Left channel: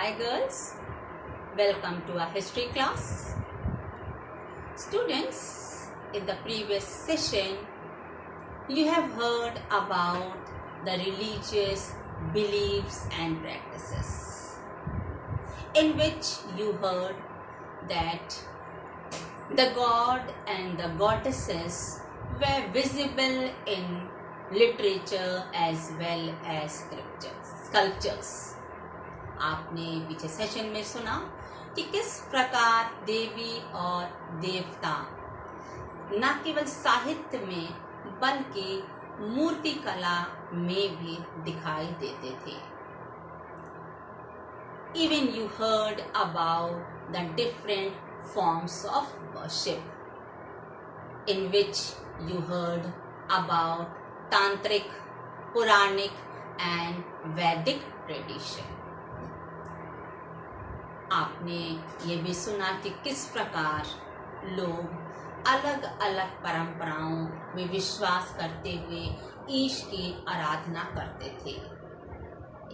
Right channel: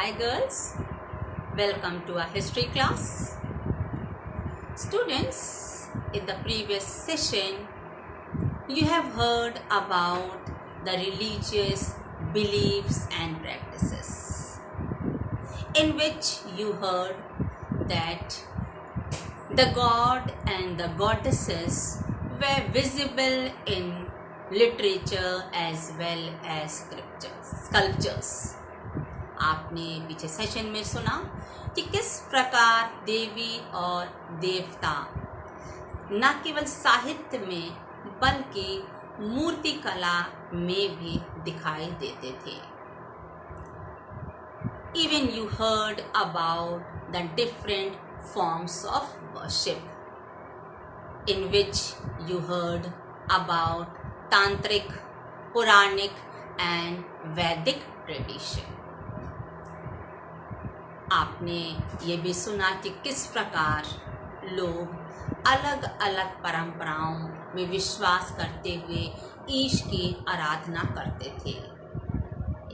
Hi girls, welcome to our history class. Students, in the previous session, you have heard about the religious beliefs and practices, in which you heard that the god and the goddesses were visible in literature as well as sculptures. आपने पीछे session में सुना कि किस प्रकार देवी और देवता न केवल साहित्य में बल्कि मूर्ति कला में भी दिखाई देते थे. Even you heard about the different forms of worship, in which you heard about Tantric, Puranic and Vedic tradition. आपने ये भी सुना कि किस प्रकार लोग अलग अलग परंपराओं में विश्वास करते हुए ईश की आराधना करते थे.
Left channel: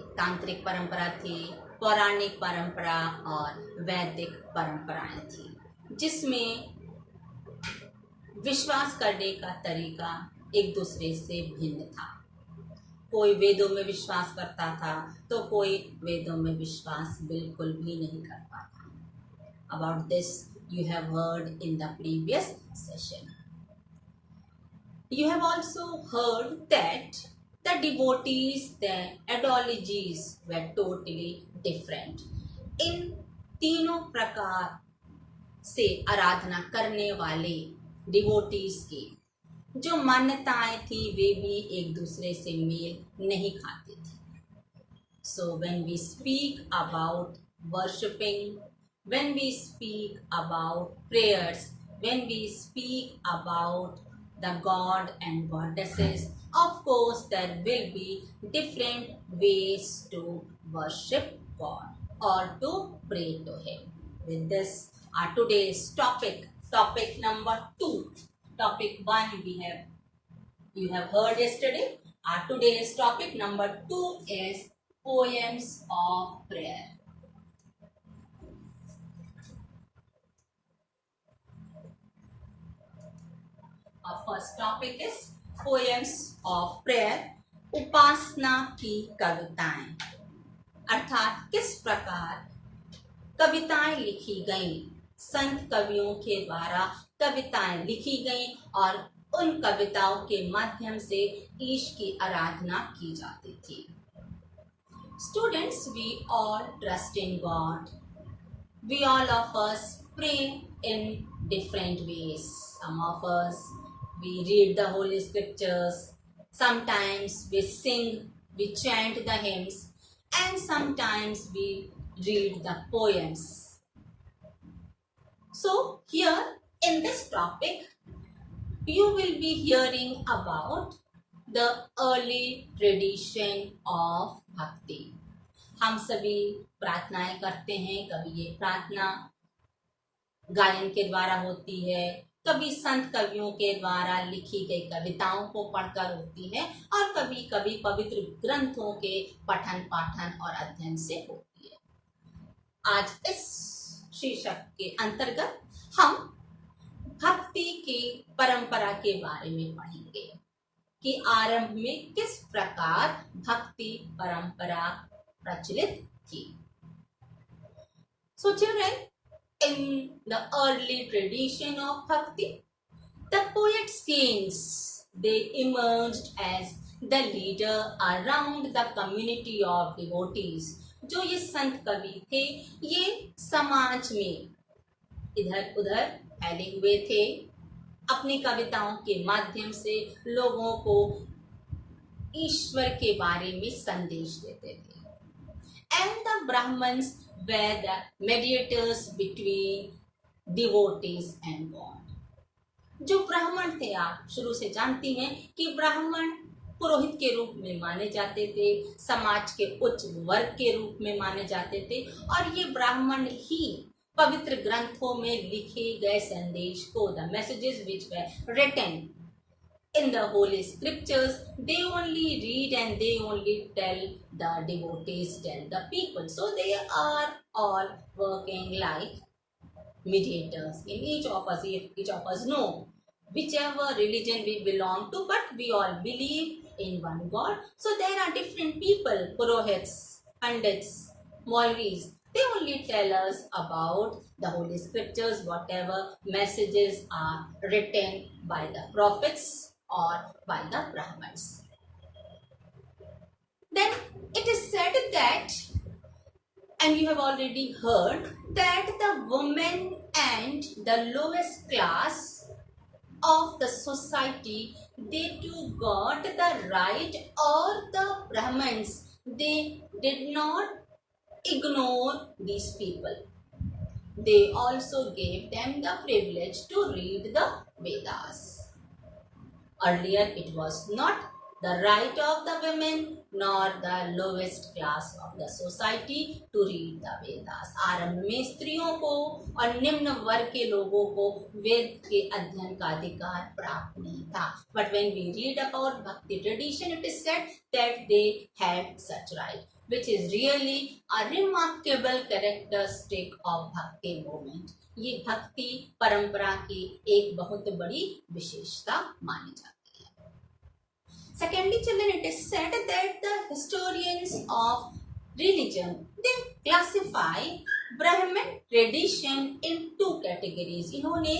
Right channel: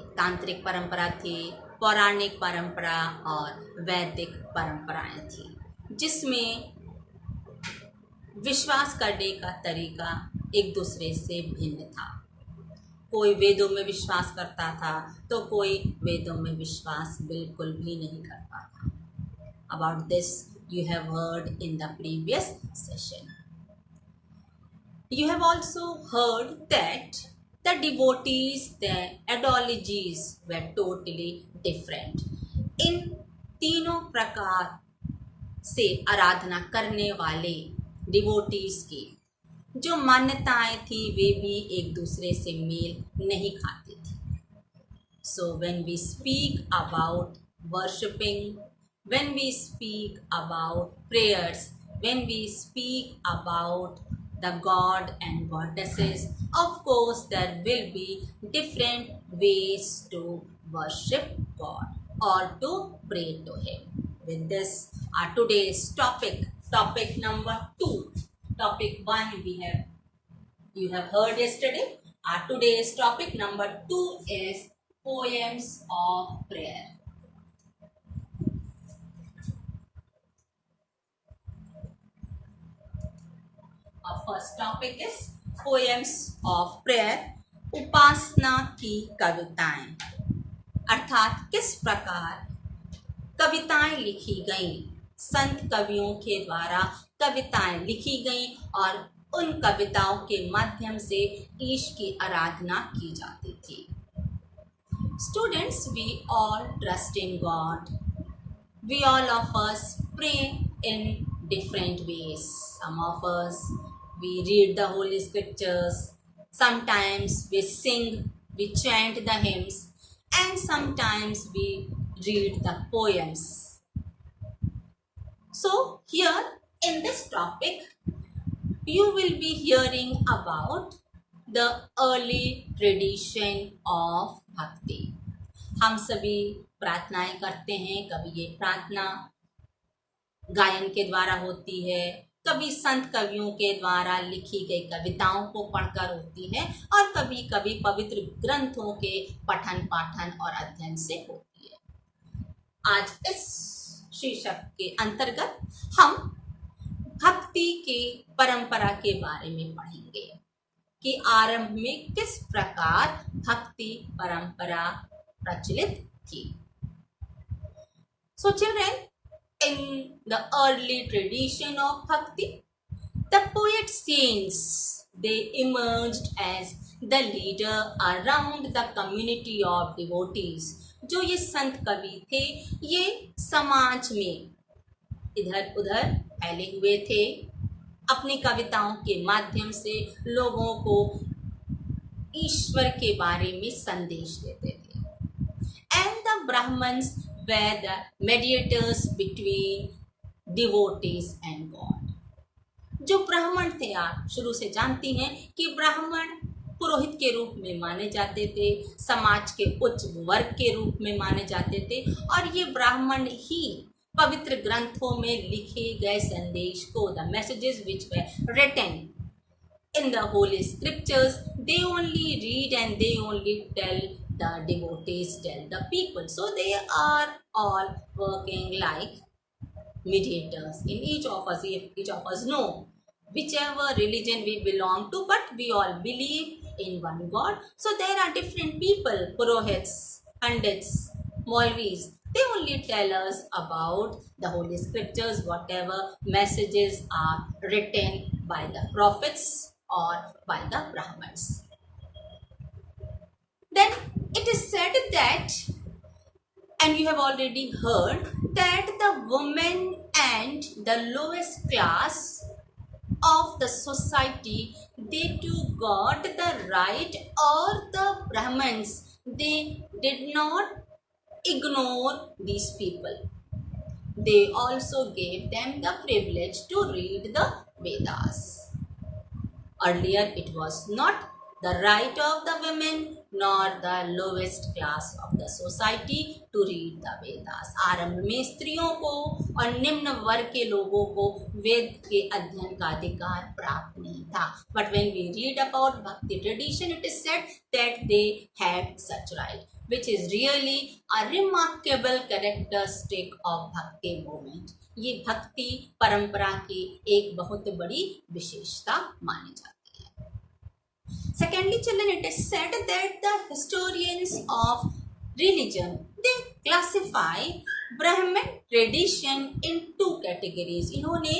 एक तांत्रिक परंपरा थी, पौराणिक परंपरा और वैदिक परंपराएं थी, जिसमें विश्वास करने का तरीका एक दूसरे से भिन्न था. कोई वेदों में विश्वास करता था तो कोई वेदों में विश्वास बिल्कुल भी नहीं करता था. About this you have heard in the previous session. You have also heard that the devotees, their ideologies were totally different. इन तीनों प्रकार से आराधना करने वाले डिवोटीज की जो मान्यताएं थी वे भी एक दूसरे से मेल नहीं खाती थी. So when we speak about worshipping, when we speak about prayers, when we speak about the god and goddesses, of course there will be different ways to worship God or to pray to him. With this, our today's topic number 2. Topic 1 you have heard yesterday. Our today's topic number 2 is poems of prayer. Our first topic is poems of prayer. उपासना की कविताएं, अर्थात किस प्रकार कविताएं लिखी गईं, संत कवियों के द्वारा कविताएं लिखी गईं और उन कविताओं के माध्यम से ईश की आराधना की जाती थी. Students, we all trust in God. We all of us pray in different ways. Some of us, we read the holy scriptures. Sometimes we sing, we chant the hymns, and sometimes we read the poems. So here in this topic, you will be hearing about the early tradition of bhakti. हम सभी प्रार्थनाएं करते हैं. कभी ये प्रार्थना गायन के द्वारा होती है, कभी संत कवियों के द्वारा लिखी गई कविताओं को पढ़कर होती है और कभी कभी पवित्र ग्रंथों के पठन पाठन और अध्ययन से होती है. आज इस शीर्षक के अंतर्गत हम भक्ति की परंपरा के बारे में पढ़ेंगे कि आरंभ में किस प्रकार भक्ति परंपरा प्रचलित थी. So children, in the early tradition of bhakti, the poet saints, they emerged as the leader around the community of devotees. जो ये संत कवि थे ये समाज में इधर उधर फैले हुए थे, अपनी कविताओं के माध्यम से लोगों को ईश्वर के बारे में संदेश देते थे. And the Brahmins were the mediators between devotees and God. जो ब्राह्मण थे, आप शुरू से जानती हैं कि ब्राह्मण पुरोहित के रूप में माने जाते थे, समाज के उच्च वर्ग के रूप में माने जाते थे और ये ब्राह्मण ही पवित्र ग्रंथों में लिखे गए संदेश को, the messages which were written in the holy scriptures, they only read and they only tell the devotees tell the people. So they are all working like mediators in each of us. If each of us know whichever religion we belong to, but we all believe in one God. So there are different people, purohits, pandits, Maulvis. They only tell us about the holy scriptures, whatever messages are written by the prophets or by the Brahmins. Then it is said that, and you have already heard, that the women and the lowest class of the society, they too got the right, or the Brahmins, they did not ignore these people. They also gave them the privilege to read the Vedas. Earlier it was not the right of the women nor the lowest class of the society to read the Vedas. आरंभ में स्त्रियों को और निम्न वर्ग के लोगों को वेद के अध्ययन का अधिकार प्राप्त नहीं था. But when we read about Bhakti tradition, it is said that they had such right, which is really a remarkable characteristic of Bhakti movement. ये भक्ति परंपरा की एक बहुत बड़ी विशेषता मानी जाती है. Secondly, children, it is said that the historians of religion, they classify Brahmin tradition in two categories. इन्होंने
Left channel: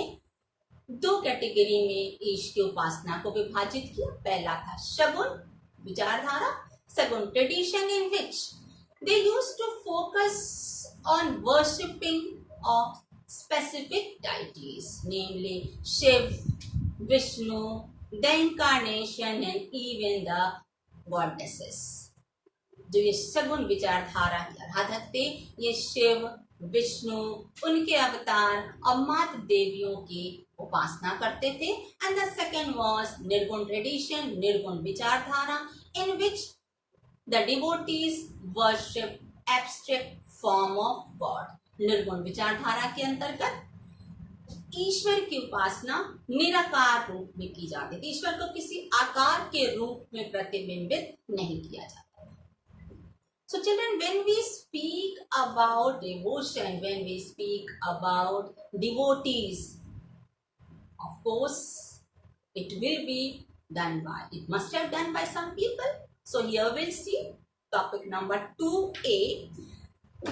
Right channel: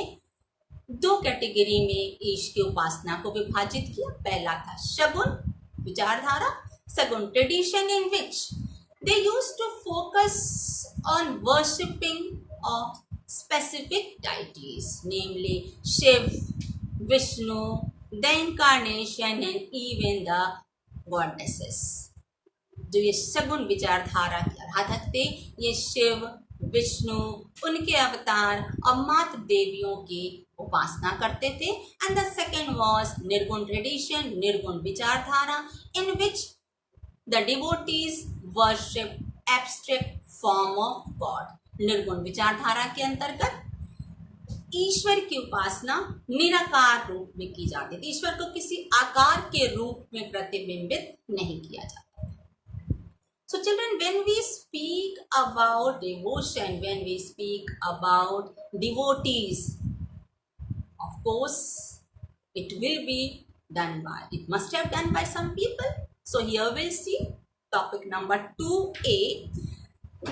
दो कैटेगरी में ईश की उपासना को विभाजित किया. पहला था शगुन विचारधारा, सगुन tradition, in which they used to focus on worshipping of specific deities, namely Shiv, Vishnu, the incarnation, and even the goddesses. जो ये सगुन विचारधारा के आराधक थे, ये शिव, विष्णु, उनके अवतार और मात देवियों की उपासना करते थे. And the second was nirguna tradition, निर्गुण विचारधारा, in which the devotees worship abstract form of God. निर्गुण विचारधारा के अंतर्गत ईश्वर की उपासना निराकार रूप में की जाती थी. ईश्वर को किसी आकार के रूप में प्रतिबिंबित नहीं किया जाता. So children, when we speak about devotion, when we speak about devotees, of course it will be done by, it must have done by some people. So here we'll see topic number 2A,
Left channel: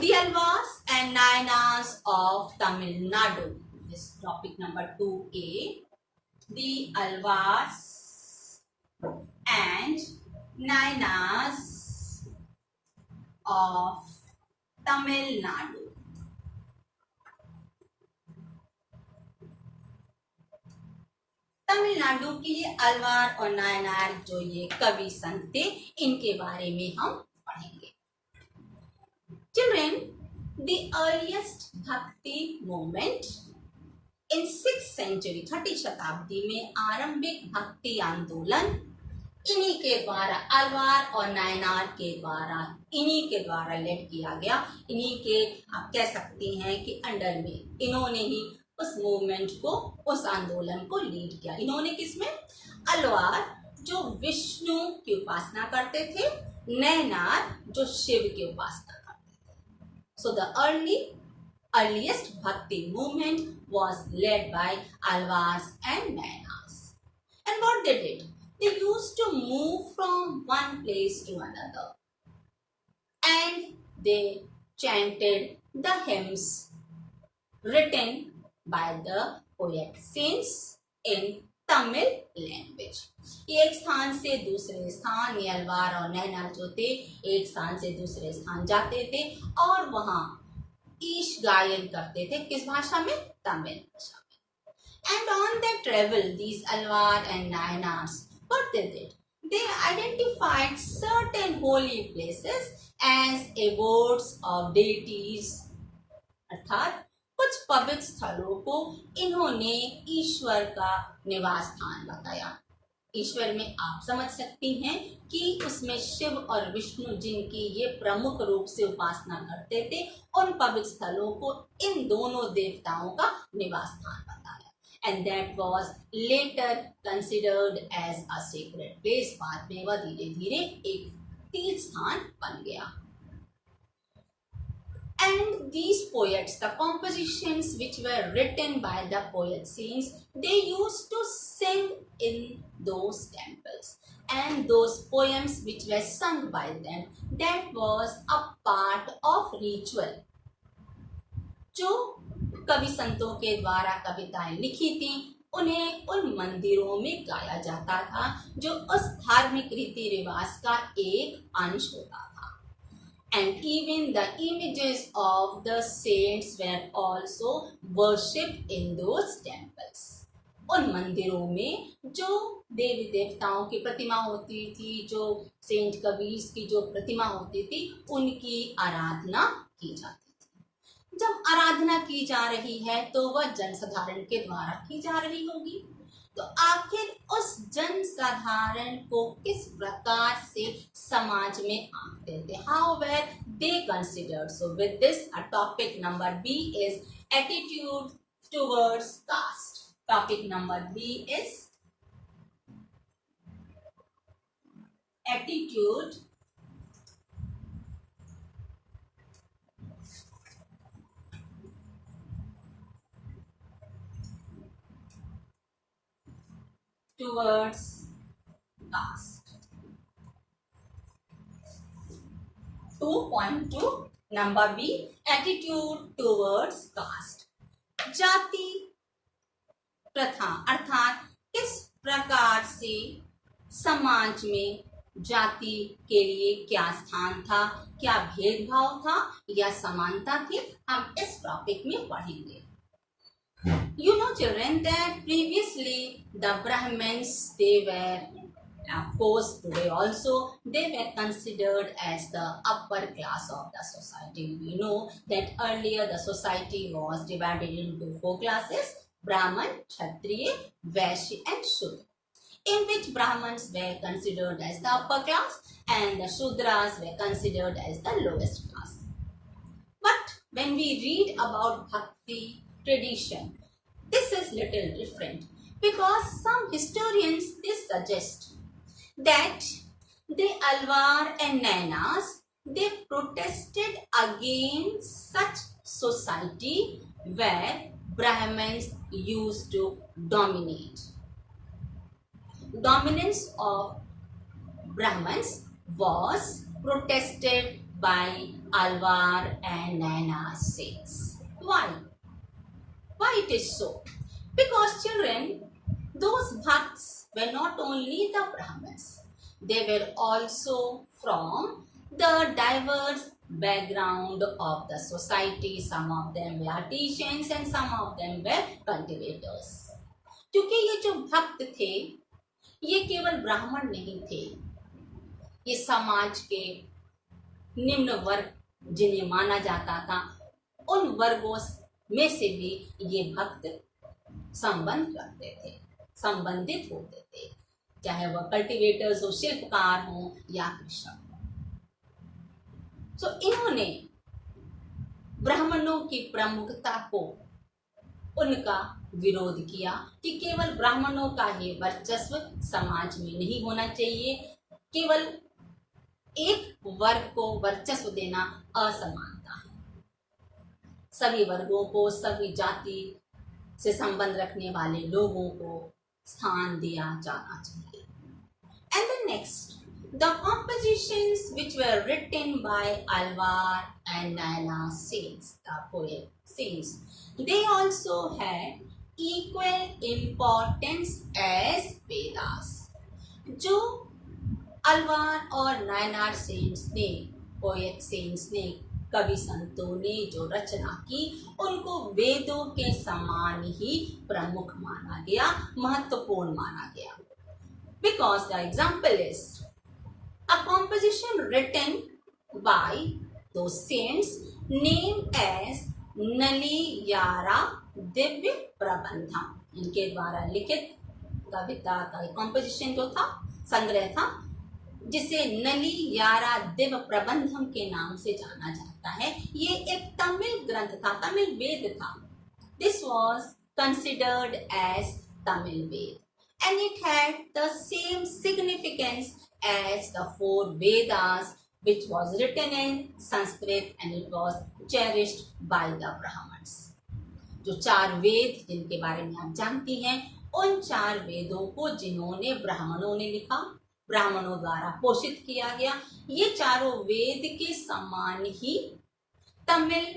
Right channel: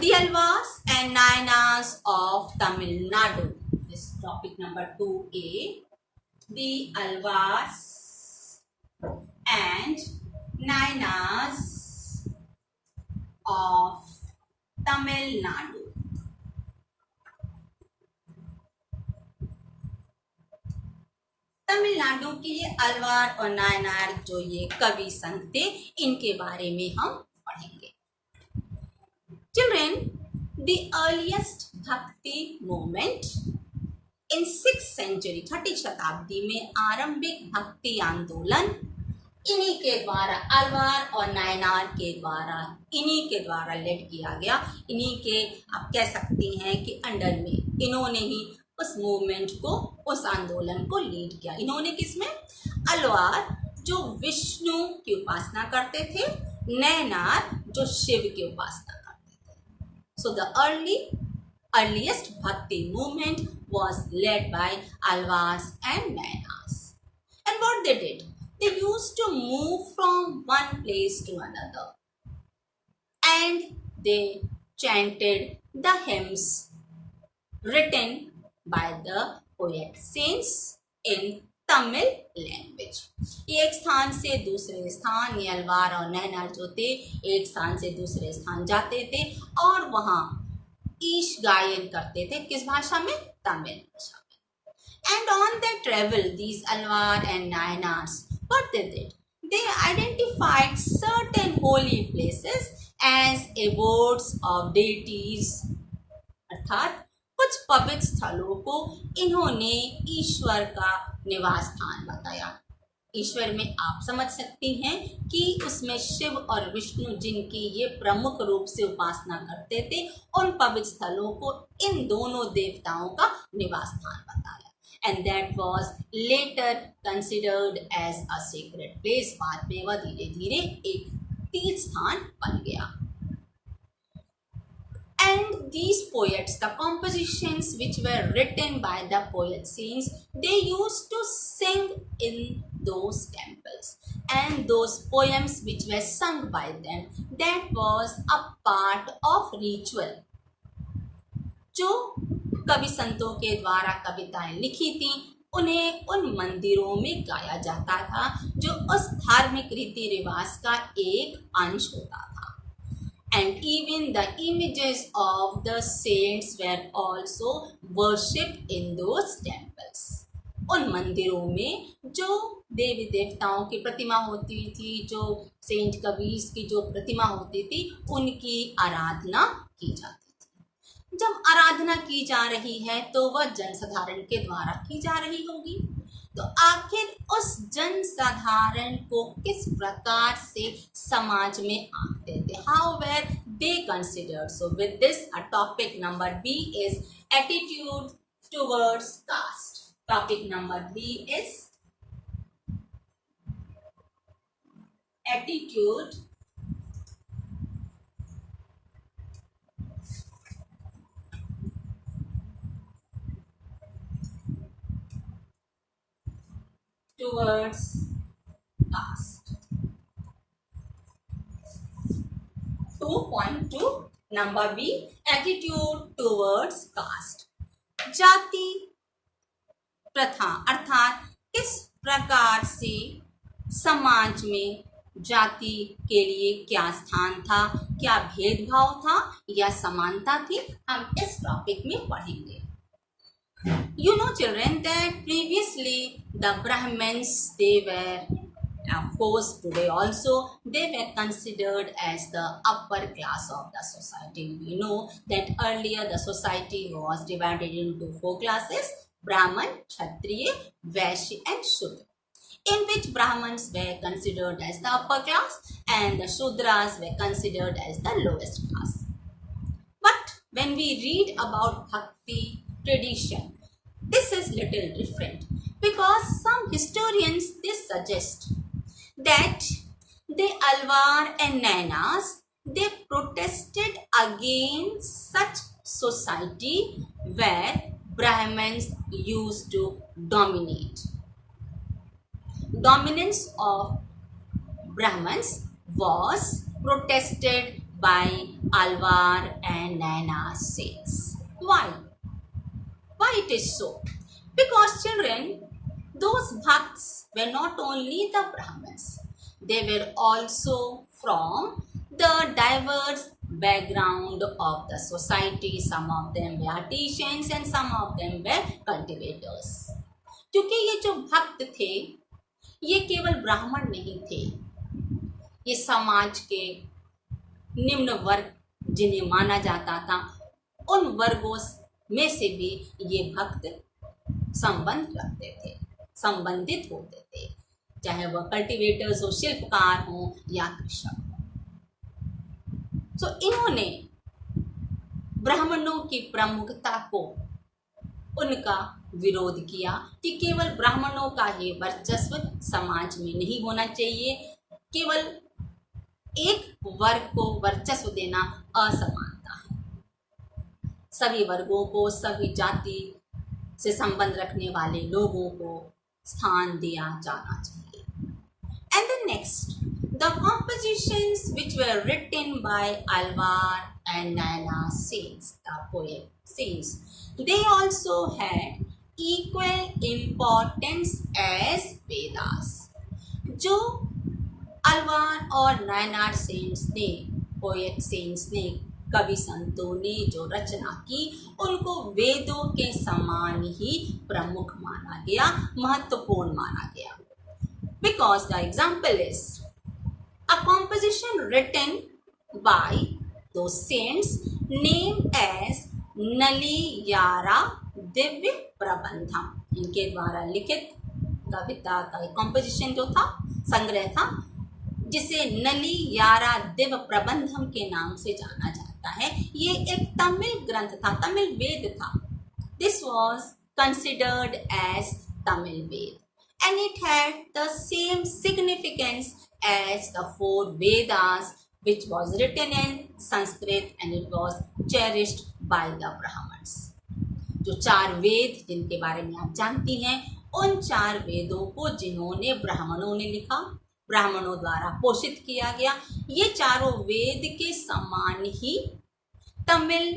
the Alvars and Nayanas of Tamil Nadu. This topic number 2A, the Alvars and Nayanas of Tamil Nadu. Tamil Nadu के ये अलवार और नायनार जो ये कवि संत थे, इनके बारे में हम पढ़ेंगे. Children, the earliest Bhakti movement in 6th century, 6ठी शताब्दी में आरंभिक भक्ति आंदोलन इन्हीं के द्वारा, अलवार और नायनार के द्वारा, इन्हीं के द्वारा लेड किया गया. इन्हीं के आप कह सकती हैं कि अंडर में इन्होंने ही उस मूवमेंट को, उस आंदोलन को लीड किया. इन्होंने किसमें? अलवार जो विष्णु की उपासना करते थे, नैनार जो शिव की उपासना करते थे. So the earliest Bhakti movement was led by Alvars and Nayanars. And what they did? They used to move from one place to another, and they chanted the hymns written by the poet saints in Tamil language. एक स्थान से दूसरे स्थान, ये अलवार और नैनार जो थे, एक स्थान से दूसरे स्थान जाते थे और वहाँ ईश गायन करते थे. किस भाषा में? तमिल भाषा में. And on their travel, these Alvar and Nayanars, what they did? They identified certain holy places as abodes of deities. अर्थात कुछ पवित्र स्थलों को इन्होंने ईश्वर का निवास स्थान बताया. ईश्वर में आप समझ सकती हैं कि उसमें शिव और विष्णु जिनकी ये प्रमुख रूप से उपासना करते थे, उन पवित्र स्थलों को इन दोनों देवताओं का निवास स्थान बताया. And that was later considered as a sacred place. बाद में वह धीरे धीरे एक तीर्थ स्थान बन गया। And these poets, the compositions which were written by the poet saints, they used to sing in those temples. And those poems which were sung by them, that was a part of ritual. जो कवि संतों के द्वारा कविताएं लिखी थी, उन्हें उन मंदिरों में गाया जाता था, जो उस धार्मिक रीति रिवाज का एक अंश होता था। And even the images of the saints were also worshipped in those temples. उन मंदिरों में जो देवी देवताओं की प्रतिमा होती थी, जो सेंट कबीर की जो प्रतिमा होती थी, उनकी आराधना की जाती थी। जब आराधना की जा रही है तो वह जनसाधारण के द्वारा की जा रही होगी, तो आखिर उस जनसाधारण को किस प्रकार से समाज में आंकते थे? How were they considered? So with this topic number B is attitude towards caste. Topic number B is attitude towards caste. 2.2 number B, attitude towards caste. जाति प्रथा अर्थात किस प्रकार से समाज में जाति के लिए क्या स्थान था, क्या भेदभाव था या समानता थी, हम इस टॉपिक में पढ़ेंगे। You know children that previously the Brahmins, they were, of course today also, they were considered as the upper class of the society. We know that earlier the society was divided into 4 classes: Brahman, Kshatriya, Vaishya and Shudra, in which Brahmins were considered as the upper class and the Shudras were considered as the lowest class. But when we read about Bhakti tradition, this is little different, because some historians, they suggest that the Alwar and Nainas, they protested against such society where Brahmins used to dominate. Dominance of Brahmins was protested by Alwar and Naina saints. Why? Why it is so? Because children, those bhakts were not only the Brahmins, they were also from the diverse background of the society. Some of them were artisans and some of them were cultivators. क्योंकि ये जो भक्त थे, ये केवल ब्राह्मण नहीं थे, ये समाज के निम्न वर्ग जिन्हें माना जाता था, उन वर्गों में से भी ये भक्त संबंध रखते थे, संबंधित होते थे, चाहे वह कल्टीवेटर्स हो, शिल्पकार हो या कृषक हो। तो इन्होंने ब्राह्मणों की प्रमुखता को, उनका विरोध किया कि केवल ब्राह्मणों का ही वर्चस्व समाज में नहीं होना चाहिए, केवल एक वर्ग को वर्चस्व देना असमानता है। सभी वर्गों को, सभी जाति से संबंध रखने वाले लोगों को स्थान दिया जाना चाहिए। And the next, the compositions which were written by Alvar and Naina saints, the poet saints, they also had equal importance as Vedas. जो अलवार और नायनार सेंट्स ने, पोएट सेंट्स ने, कवि संतों ने जो रचना की, उनको वेदों के समान ही प्रमुख माना गया, महत्वपूर्ण माना गया। Because the example is a composition written by those saints named as नलियारा Divya Prabandham, इनके द्वारा लिखित कविता का कंपोजिशन जो था, संग्रह था, जिसे नलियारा दिव्य प्रबंधम के नाम से जाना जाता है। ये एक तमिल ग्रंथ था, तमिल वेद था। This was considered as Tamil Veda and it had the same significance as the four Vedas, which was written in Sanskrit and it was cherished by the Brahmins. जो चार वेद जिनके बारे में आप जानती हैं, उन चार वेदों को जिन्होंने ब्राह्मणों ने लिखा, ब्राह्मणों द्वारा पोषित किया गया, ये चारों वेद के समान ही तमिल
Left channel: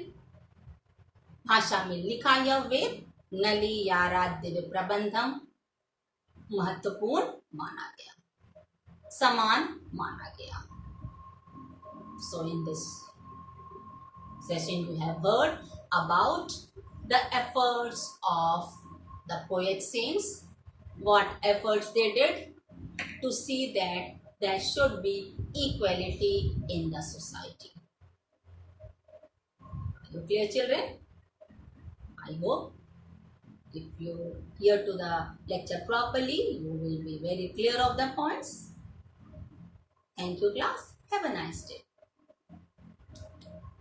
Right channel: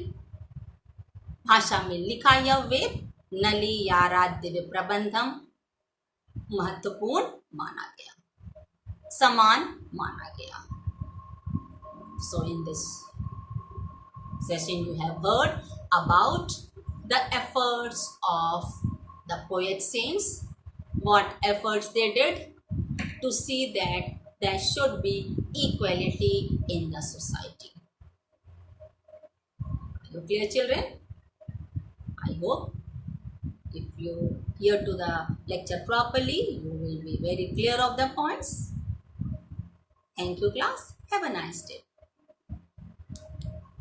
भाषा में लिखा यह वेद नलियाराध्य प्रबंधम महत्वपूर्ण माना गया, समान माना गया. So in this session you have heard about the efforts of the poet saints, what efforts they did to see that there should be equality in the society. Are you clear, children? I hope if you hear to the lecture properly, you will be very clear of the points. Thank you, class. Have a nice day.